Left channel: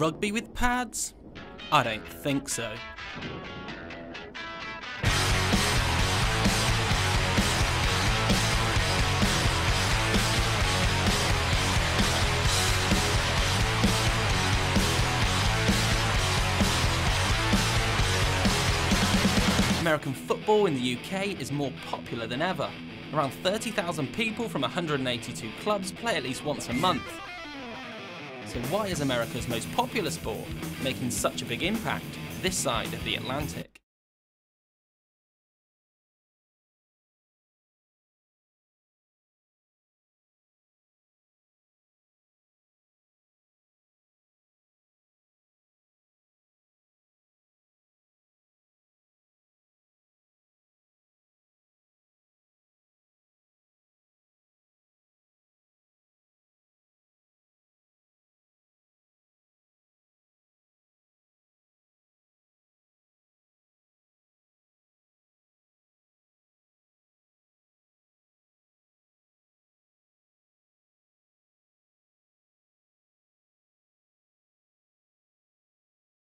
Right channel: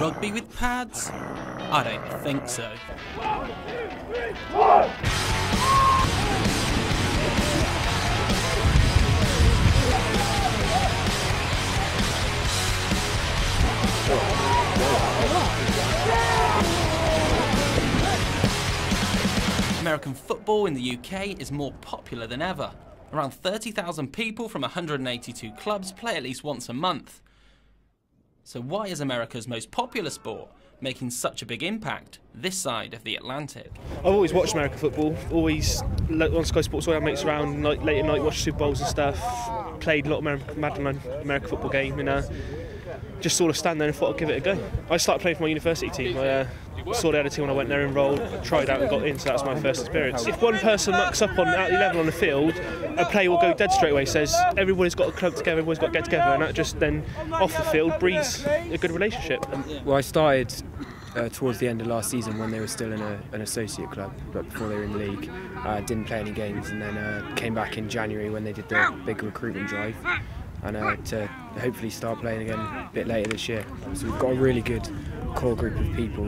Rugby with pads? I don't think so. American football in the UK is more popular than ever. Around 30,000 people from 182 clubs play at least once a month. So why is America's most popular sport making such a big impact this side of the Atlantic? I've always watched American football, always on Sky Sports, all our mates around, late at night, watched Super Bowls and stuff, played a lot of American football game, and just sort of stand there and thought I'd give it a go. I started playing for my university team. I saw they had a team when I went there, enrolled, tried out and got in, so that was my first experience. If one person mucks up at the level on the field, a player will go dead straight away, says everybody's got to club together, everybody's got to get together, and that just then, off the field, breeds a good relationship. Well, I started towards the end of last season when they were still in an associate club, but before they were in the league. Didn't play any games, and then came back in January when they did the big recruitment drive, and to hopefully start playing again a bit later this year. So we've got a really good core group of people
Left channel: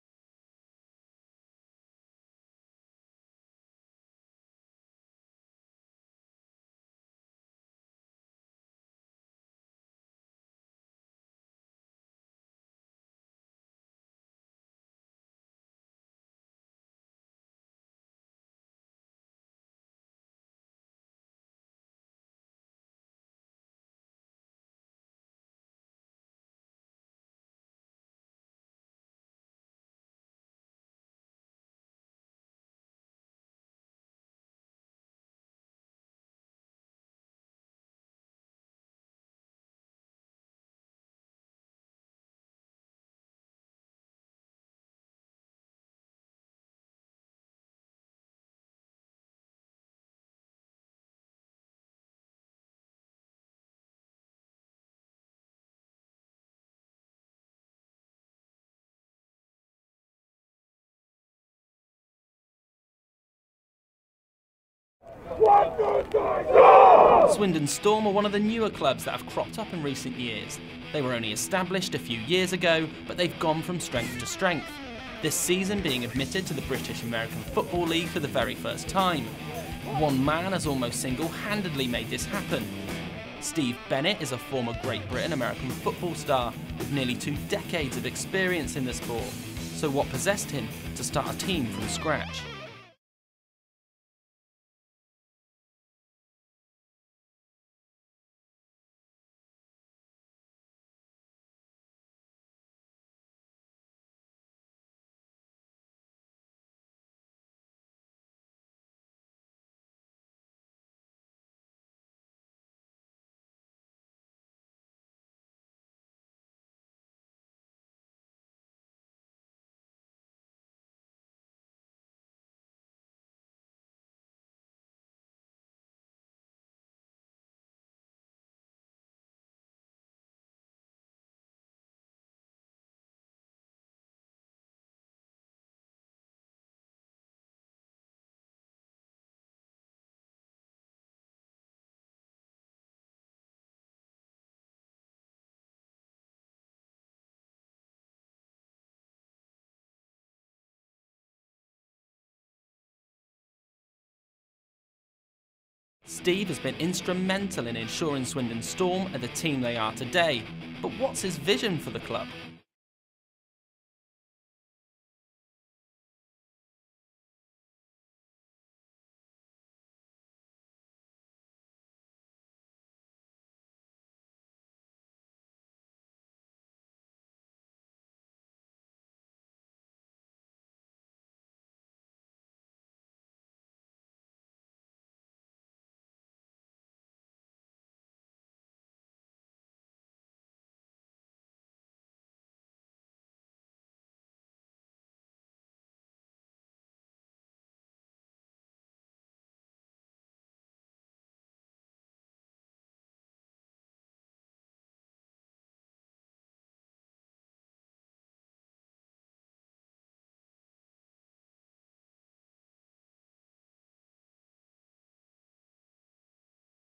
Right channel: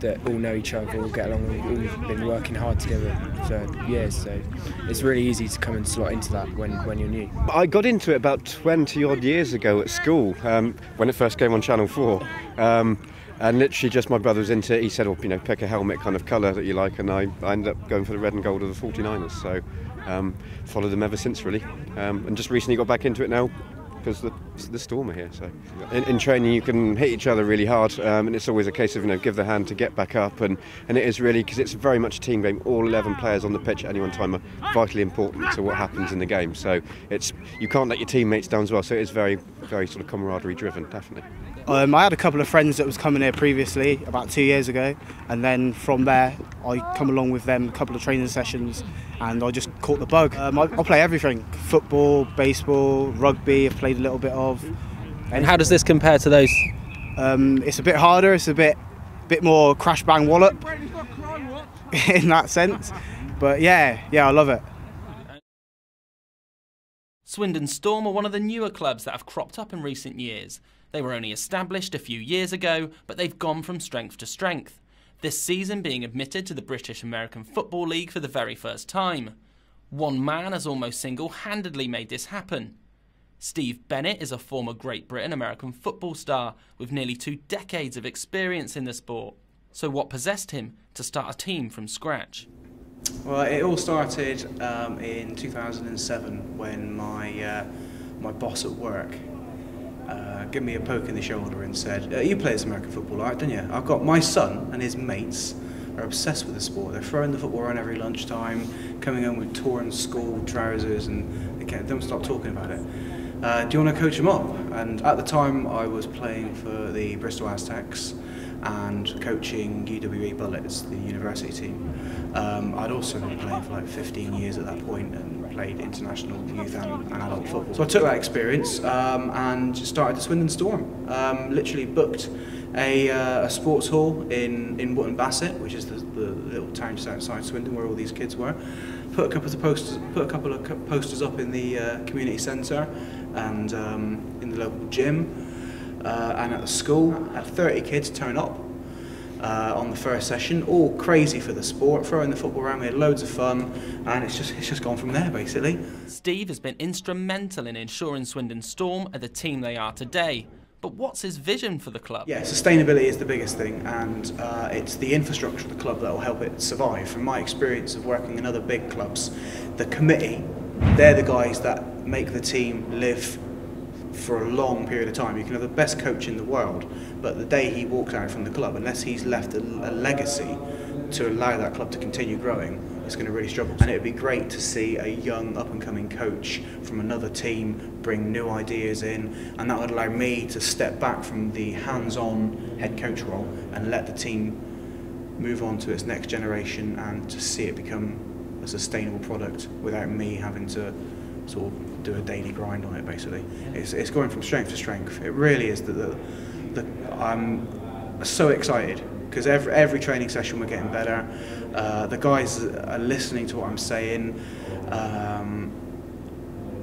that all know each other, all get along, all been working hard together for years, so it's really easy to come and slot into that when you're new. I got into it about 20 odd years ago at school, when it first came on Channel 4. And literally just my brother was into it. He said, oh, pick a helmet kind of colour that you like, and I ended up going for the red and gold of the 49ers, so followed them ever since, really. And just recently got back into it now because the Storm are here. So in training you can hit each other really hard, and it's always a case of give the hand to get back up, and it is really, because it's very much a team game. All 11 players on the pitch at any one time are vitally important to what happens in the game, so you can't let your teammates down as well, so it is very, very sort of camaraderie driven, definitely. I had a couple of friends that was coming here previously, about 2 years ago, and then from there I come along with them a couple of training sessions, and I just caught the bug. I play everything: football, baseball, rugby. I've played a little bit of. And how does this compare to those? It's a bit harder. It's a bit more crash bang wallop in that sense. But yeah, I love it. Swindon Storm are one of the newer clubs that have cropped up in recent years. They were only established a few years ago, but they've gone from strength to strength. This season being admitted to the British American Football League for the very first time. One man has almost single-handedly made this happen. Steve Bennett is a former Great Britain American football star with nearly 2 decades of experience in the sport. So what possessed him to start a team from scratch? Well, it all started in 2007 when my boss at work gave me a poke in the shoulder and said, you play this American football, right, don't you? I've got my son and his mates are obsessed with the sport. They're throwing the football around every lunchtime, coming home with torn school trousers, and they don't stop talking about it. Do you want to coach them up? And at the time I was playing for the Bristol Aztecs and coaching UWE Bullets, the university team. I'd also been playing for like 15 years at that point and played international youth and adult football. So I took that experience and started the Swindon Storm. Literally booked a sports hall in Wootton Bassett, which is the little town just outside Swindon where all these kids were. Put a couple of posters up in the community centre and in the local gym and at the school. Had 30 kids turn up on the first session, all crazy for the sport, throwing the football around. We had loads of fun, and it's just gone from there, basically. Steve has been instrumental in ensuring Swindon Storm are the team they are today. But what's his vision for the club? Yeah, sustainability is the biggest thing, and it's the infrastructure of the club that will help it survive. From my experience of working in other big clubs, the committee, they're the guys that make the team live for a long period of time. You can have the best coach in the world, but the day he walks out from the club, unless he's left a legacy to allow that club to continue growing, it's going to really struggle. And it would be great to see a young up-and-coming coach from another team bring new ideas in, and that would allow me to step back from the hands-on head coach role and let the team move on to its next generation and to see it become a sustainable product without me having to sort of do a daily grind on it, basically. It's going from strength to strength. It really is. I'm so excited because every training session we're getting better. The guys are listening to what I'm saying.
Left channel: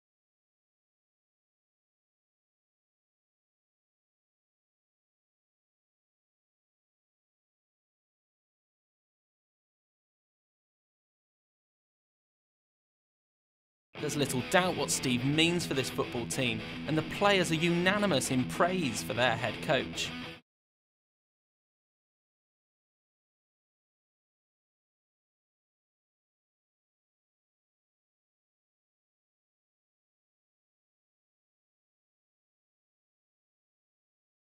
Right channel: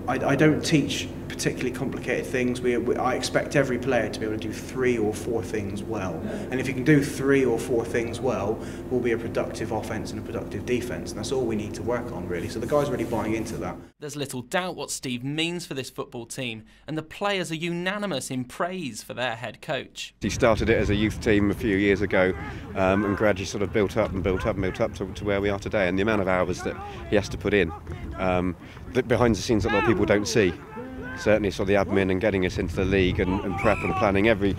I don't teach particularly complicated things. I expect every player to be able to do 3 or 4 things well, and if you can do 3 or 4 things well, we'll be a productive offence and a productive defence, and that's all we need to work on really. So the guys are really buying into that. There's little doubt what Steve means for this football team, and the players are unanimous in praise for their head coach. He started it as a youth team a few years ago, and gradually sort of built up to where we are today, and the amount of hours that he has to put in, that behind the scenes that a lot of people don't see. Certainly sort of the admin and getting us into the league and prep and planning. Every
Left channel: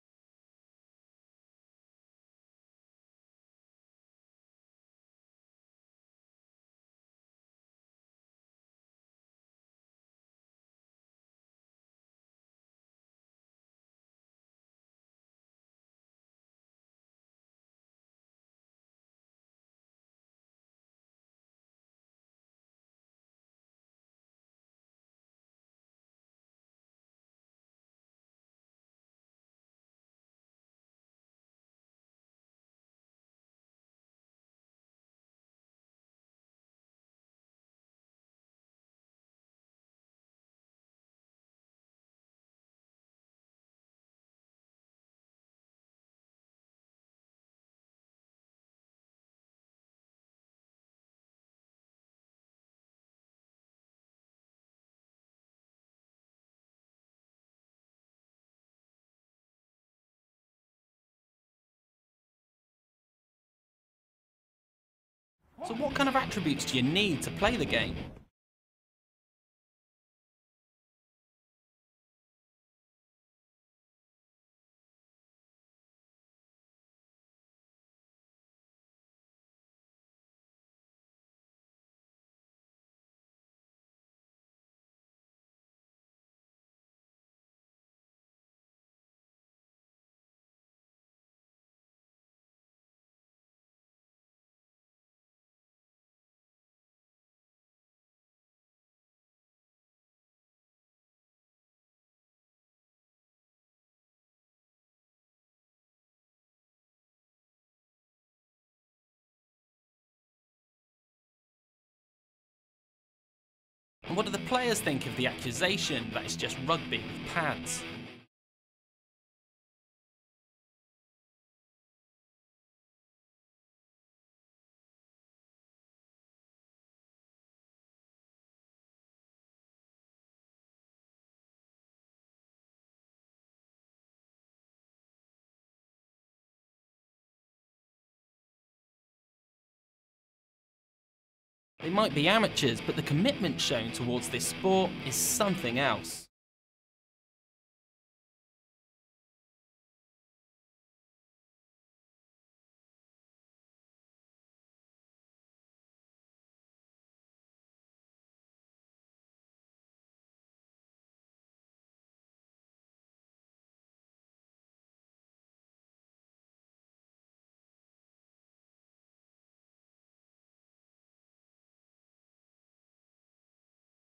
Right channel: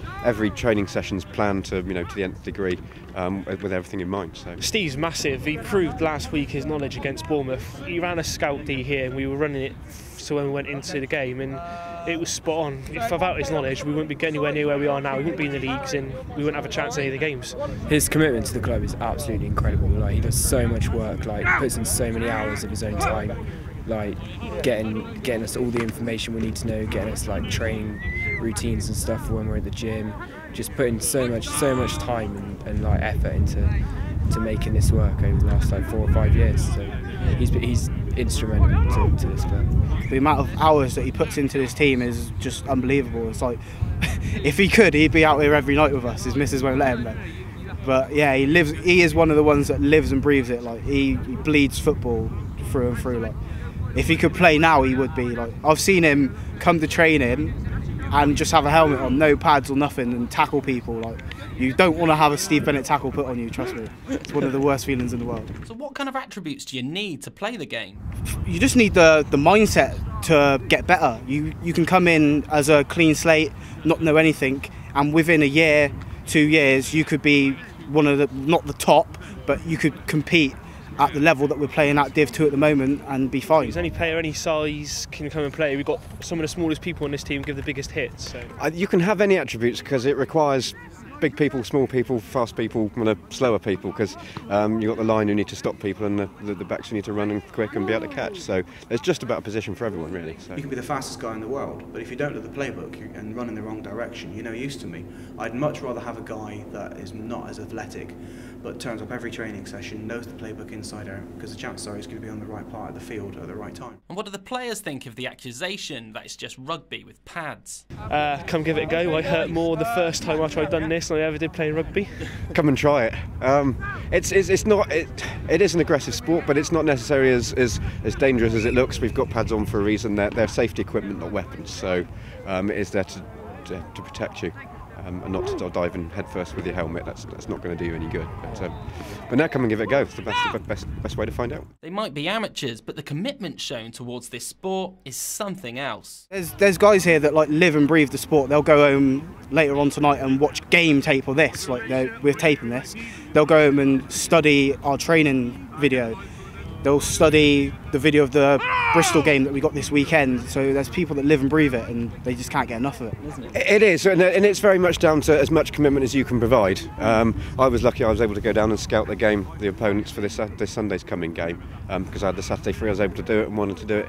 training session's planned to to the nth degree, with everything in mind. So Steve's massive. He proved last week his knowledge against Bournemouth. He ran a scout D here and we were running it so when we went into the game, and it was spot on. If without his knowledge we wouldn't be anywhere near where we are now. We wouldn't be in the leagues and we wouldn't have a chance at any of the games. His commitment to the club is absolutely incredible. Like, he does so much work, like puts in so many hours of his own time, like getting us all the information we need to know, getting us like training routines and stuff for when we're at the gym, just putting so much time and like effort into making this work over the last like 4 or 5 years. So he's instrumental to this club. The amount of hours that he puts into this team is just unbelievable. It's like, if he could, he'd be out here every night with us. His missus won't let him, but yeah, he is one of the ones that lives and breathes it. Like he bleeds football through and through. Like, if he could play now, he would be. Like, I've seen him come to training and just have a helmet on, no pads or nothing, and tackle people. Like, you don't want to have a Steve Bennett tackle put on you, trust me. It's one of the worst feelings in the world. So what kind of attributes do you need to play the game? You just need the mindset to get better. You can come in as a clean slate, not know anything, and within a year, 2 years, you could be one of the, not the top, but you could compete at the level that we're playing at Div 2 at the moment and be fine. Any player, any size can come and play. We've got some of the smallest people on this team give the biggest hits. So. you can have any attributes because it requires big people, small people, fast people, slower people, because you've got the line who need to stop people and the backs who need to run and quick and be able to catch. So it's just about a position for everyone, really. So. You can be the fastest guy in the world, but if you don't know the playbook and run in the wrong direction, you're no use to me. I'd much rather have a guy that is not as athletic, but turns up every training session, knows the playbook inside out, because the chances are he's going to be on the right part of the field at the right time. And what do the players think of the accusation that it's just rugby with pads? Come give it a go. I hurt more the first time I tried done this than I ever did playing rugby. Come and try it. It is an aggressive sport, but it's not necessarily as dangerous as it looks. We've got pads on for a reason. They're safety equipment, not weapons. So it is there to protect you. And not to dive in headfirst with your helmet. That's not going to do you any good. But now come and give it a go. It's the best way to find out. They might be amateurs, but the commitment shown towards this sport is something else. There's guys here that like live and breathe the sport. They'll go home later on tonight and watch game tape of this. Like, we're taping this. They'll go home and study our training video. They'll study the video of the Bristol game that we got this weekend. So there's people that live and breathe it, and they just can't get enough of it, isn't it? It is, and it's very much down to as much commitment as you can provide. I was lucky I was able to go down and scout the opponents for this Sunday's coming game, because I had the Saturday free. I was able to do it and wanted to do it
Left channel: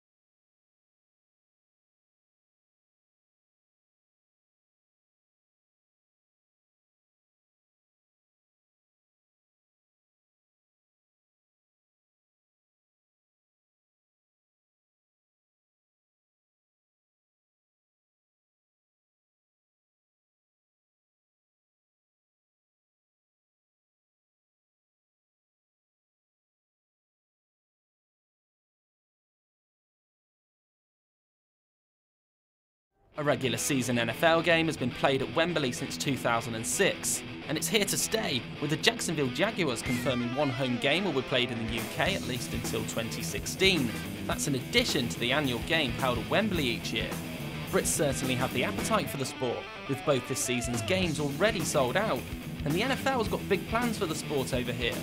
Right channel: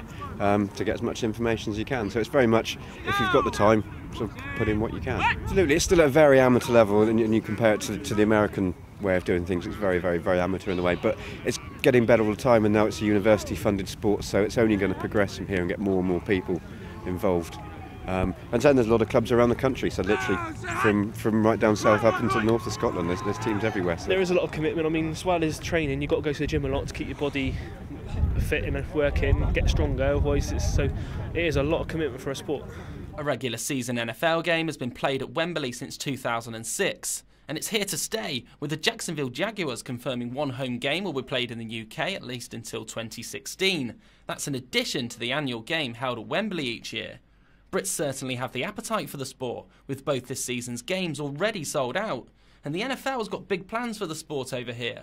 to get as much information as you can. So it's very much, if you've got the time, sort of put in what you can. Absolutely, it's still at a very amateur level, and you compare it to the American way of doing things. It's very, very, very amateur in the way, but it's getting better all the time, and now it's a university-funded sport, so it's only going to progress from here and get more and more people involved. And then there's a lot of clubs around the country, so literally from right down south up into the north of Scotland, there's teams everywhere. So. There is a lot of commitment. I mean, as well as training, you've got to go to the gym a lot to keep your body fit and working, get stronger. Otherwise, it is a lot of commitment for a sport. A regular season NFL game has been played at Wembley since 2006. And it's here to stay, with the Jacksonville Jaguars confirming one home game will be played in the UK at least until 2016. That's in addition to the annual game held at Wembley each year. Brits certainly have the appetite for the sport, with both this season's games already sold out, and the NFL's got big plans for the sport over here.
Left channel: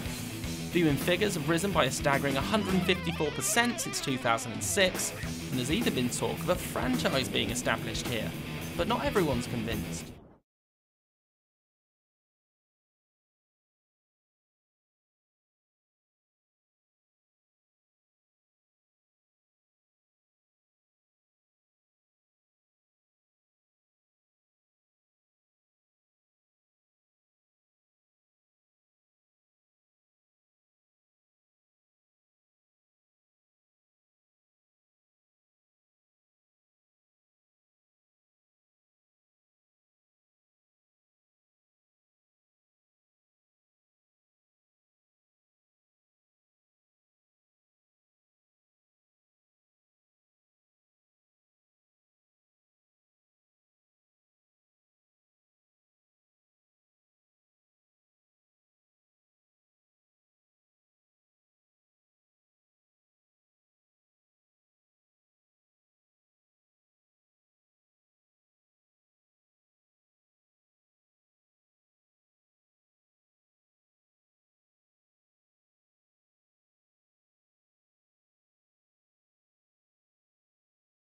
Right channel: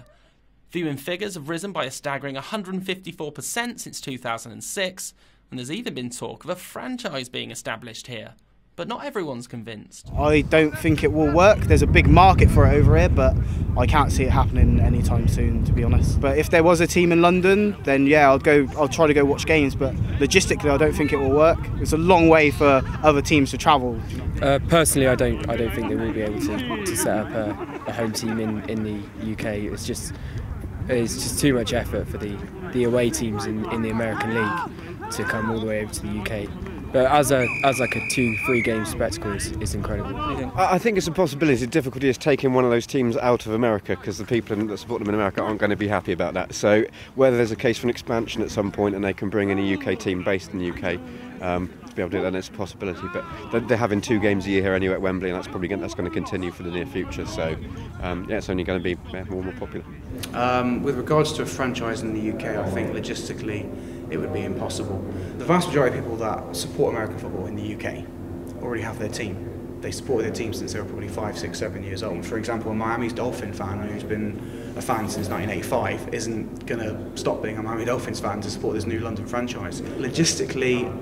Viewing figures have risen by a staggering 154% since 2006, and there's even been talk of a franchise being established here. But not everyone's convinced. I don't think it will work. There's a big market for it over here, but I can't see it happening anytime soon, to be honest. But if there was a team in London, then yeah, I'll try to go watch games, but logistically I don't think it will work. It's a long way for other teams to travel. Personally, I don't think they will be able to set up a home team in the UK. It's just too much effort for the away teams in the American League to come all the way over to the UK. But as like a 2-3 game spectacle, it's incredible. I think it's a possibility. The difficulty is taking one of those teams out of America, because the people that support them in America aren't going to be happy about that. So whether there's a case for an expansion at some point and they can bring in a UK team based in the UK to be able to do that, then it's a possibility. But they're having 2 games a year here anyway at Wembley, and that's going to continue for the near future. So yeah, it's only going to be more and more popular. With regards to a franchise in the UK, I think logistically it would be impossible. The vast majority of people that support American football in the UK already have their team. They supported their team since they were probably 5, 6, 7 years old. For example, a Miami's Dolphin fan who's been a fan since 1985 isn't going to stop being a Miami Dolphins fan to support this new London franchise. Logistically,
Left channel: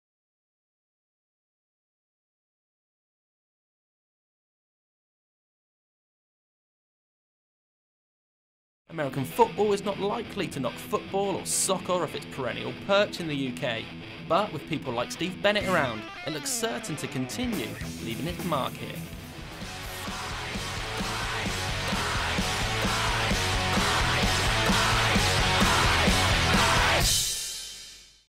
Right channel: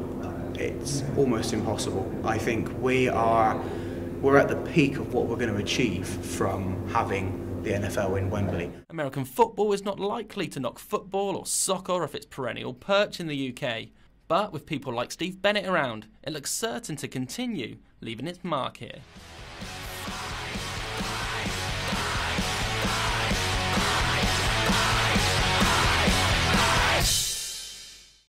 it's almost impossible. I think we're at the peak of what we're going to achieve from having the NFL in Wembley. American football is not likely to knock football or soccer off its perennial perch in the UK, but with people like Steve Bennett around, it looks certain to continue leaving its mark here.